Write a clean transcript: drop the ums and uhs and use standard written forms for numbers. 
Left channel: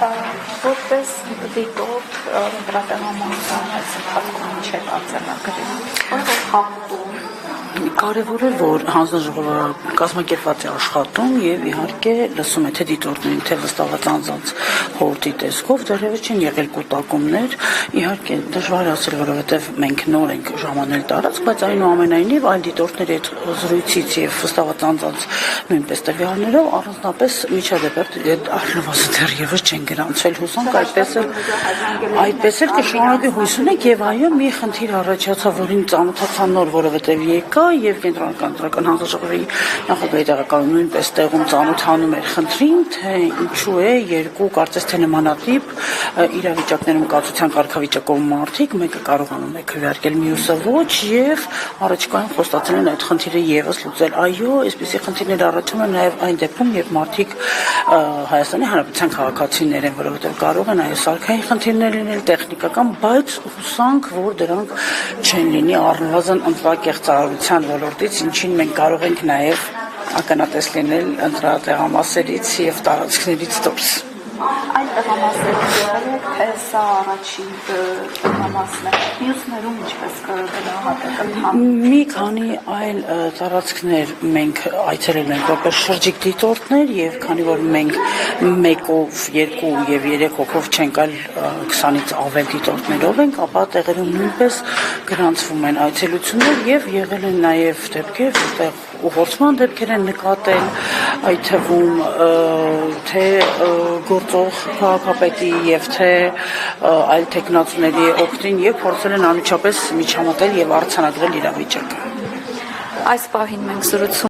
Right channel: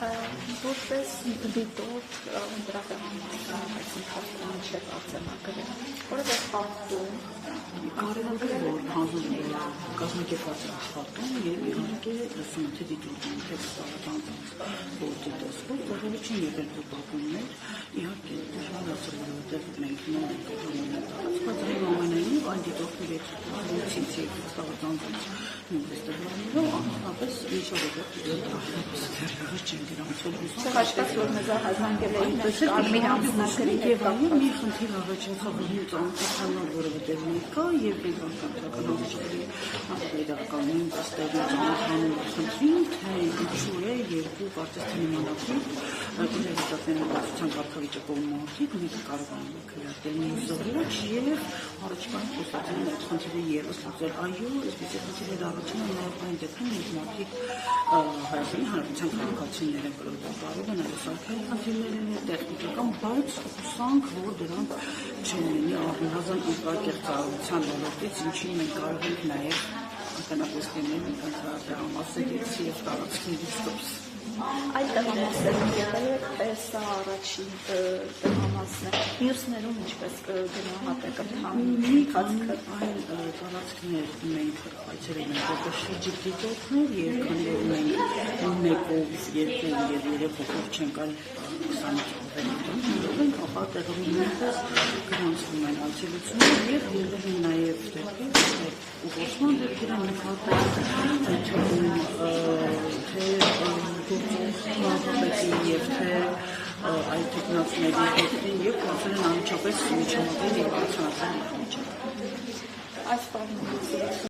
Որպես դիտորդ դրատեղամասը սխալվում չէ արձանագրի, որը խախտում Կարևոր է, որ հանձնաժողովը կազմակերպված է աշխատում եւ իհարկե լսում է թե դիտորդներին, թե վստահված անձանց խորհրդի տեսքով, դեռևս չեն եղել կուտակումներ, իհարկե դժվար է ասել, որովհետեւ մենք նոր ենք ժամանել տարածք, բայց այնուամենայնիվ այլ դիտորդների հետ զրույցից եւ վստահված անձանց նույնպես տվյալներով առանձնապես միջադեպեր առնվազն դեռևս չեն գրանցվել, հուսանք այդպես էլ կշարունակի հույս ունենք եւ այո, մի խնդիր առաջացավ, որին ծանոթացան նոր, որովհետեւ եկա եւ կենտրոնական հանձնաժողովի նախագահի տեղակալը նույնպես տեղում ծանոթանում էր խնդրին, թե ինչու է երկու կարծես թե նմանատիպ իրավիճակներում կացության կարգավիճակով մարդիկ, մեկը կարողանում է քվեարկել, մյուսը ոչ եւ առաջիկայում խոստացել են այդ խնդիրը եւս լուծել։ Այո, այսպիսի խնդիրներ առաջանում են նաեւ այն դեպքում, երբ մարդիկ Հայաստանի Հանրապետության քաղաքացիներ են, որովհետեւ կարող են այո սարքային խնդիրներ լինել, տեխնիկական, բայց հուսանք, որ դրանք չեն լինի առնվազն ընտրակեղծարարության ոլորտից, ինչին մենք կարող ենք նաև ականատես լինել ընտրատեղամասերից եւ տարածքներից դուրս։ Այլ տեղամասերում եղել է, թե սա առաջին տեղամասն է, մյուսներում ինչպես կգնահատել։ Մի քանի այլ տարածքներ մենք այցելել ենք որպես շրջիկ դիտորդներ եւ քանի որ մենք մեկով, երկու եւ 3 հոգով չենք, այլ 20-ից ավել դիտորդներով ենք, ապա տեղերում նույնպես գրանցվում են այցելություններ եւ եղել են նաեւ դեպքեր, որտեղ ուղղորդման դեպքեր են նկատել, այդ թվում թե գործող քաղաքապետի եւ թե այլ տեխնացուների օգտին եւ փորձել են անմիջապես միջամտել եւ արձանագրել իրավիճակը։ Այս պահին մենք զրուցում